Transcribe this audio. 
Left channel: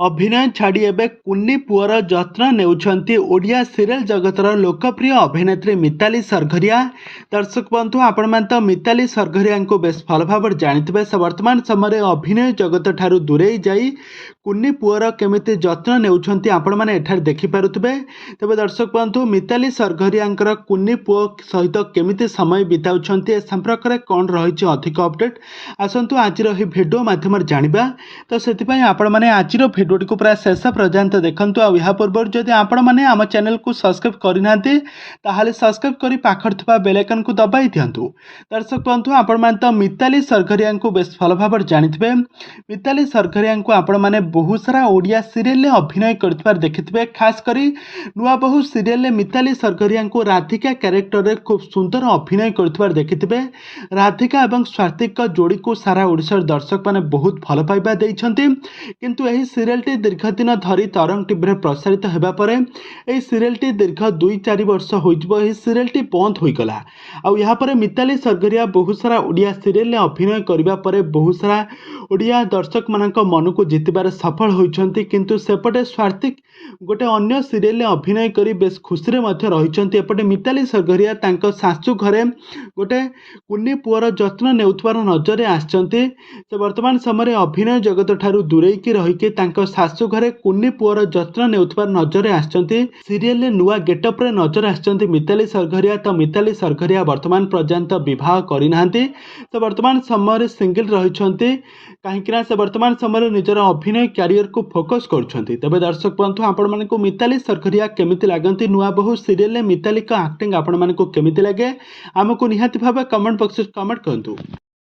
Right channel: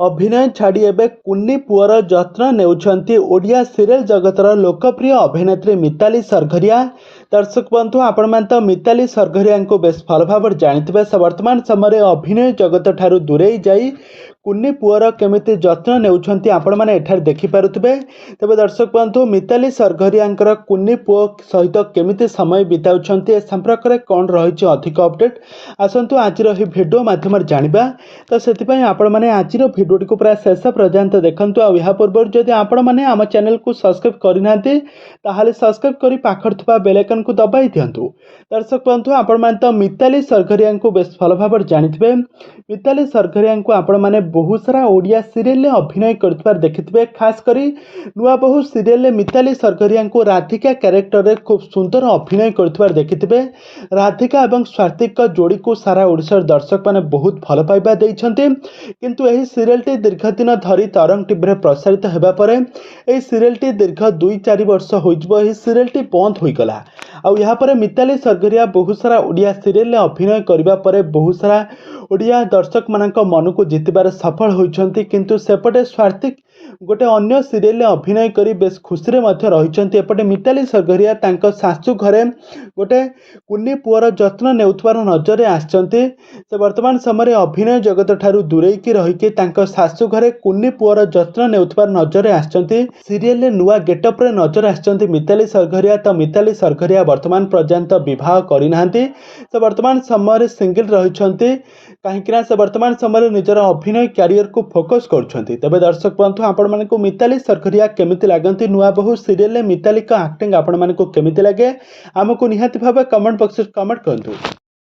अभिनय छाड़ी एबे कुन्नी पुअर जत्न नेउछंती ओडिया सीरियल जगतर लोकप्रिय अभिनेत्री मिताली सरघरिया। दर्शक बंधु आपण मान तो मिताली सरघरिया को बेस भल भाव जानिथिबे। से वर्तमान समय अभिनय जगत ठारू दूरे जाई कुन्नी पुअर केमिति जत्न नेउछंती आपण माने एठार देखि पारुथिबे। तबे दर्शक बंधु मिताली सरघरियांकर कुन्नी पुओ सहित केमिति समय बिताउछंती ए संपर्क रे कोन रहिछि अधिक अपडेट आसंतु आजिर ही वीडियो माध्यम जानिबा। तो सेति पई आपण माने आजिर वीडियो को पूरा शेष पर्यंत देखंतु। आ या पूर्व जदि आपण माने आम चैनल को सब्सक्राइब करिनांती ताहाले सब्सक्राइब करी पाखर थिबा बेल आइकन को दबाई दियंतु। दर्शक बंधु आपण माने तो मिताली सरघरिया को बेस भल भाव जानिथिबे। मिताली सरघरिया को आपण माने बहुत सारा ओडिया सीरियल अभिनय करथिबार देखिथिबे। खास करी नुआ बहु सीरियल मिताली सरघरिया को राधिका कैरेक्टर रे खूब सुंदर अभिनय करथिबार देखिथिबे। राधिका एवं स्वातिक जोड़ी को सारा ओडिशार दर्शक माने बहुत भल पाइबा दैछन्ते। किंतु एही सीरियलटी दीर्घ दिन धरी तरंग टीवी प्रसारित होगा पर यह सीरियलटी दीर्घ 2-4 वर्ष हो सीरियलटी बंद होईगला। आउ यहाँ पर मिताली सरघरिया बहुत सारा ओडिया सीरियल अभिनय करबा परे बहुत सारा ओडिया दर्शक मानक मन को जितबार सफल होइछन्ति। किंतु सेपटे स्वातिक गोटे अन्य सीरियल अभिनय करी बेस खुशी रे मध्य रहिछन्ति। एपटे मिताली सरघरिया तांको सासू घरे गोटे कुन्नी पुअर जत्न नेउथबार नजर आछन्ति। से वर्तमान समय अभिनय जगत ठारू दूरेकी रहिके तांको सासू घरे कुन्नी पुअर जत्न नेउथबार नजर आछन्ति। सीरियल नुआ गेटअप रे नजर आछन्ति मिताली सरघरिया। तो मिताली सरघरिया वर्तमान पर्यंत विवाह करिनाहांती। से वर्तमान समय सिंगल रहिछन्ति कहीं से वर्तमान समय निजर अभिनय कैरियर को फोकस करुछन्ति। तबे दर्शक बंधु आपण मानकु मिताली सरघरिया केमिति लागंती नुआ बहु सीरियल मिताली का एक्टिंग आपण मानकु केमिति लागे आमको निहाती भाबे कमेंट बॉक्स कमेंट करंतु।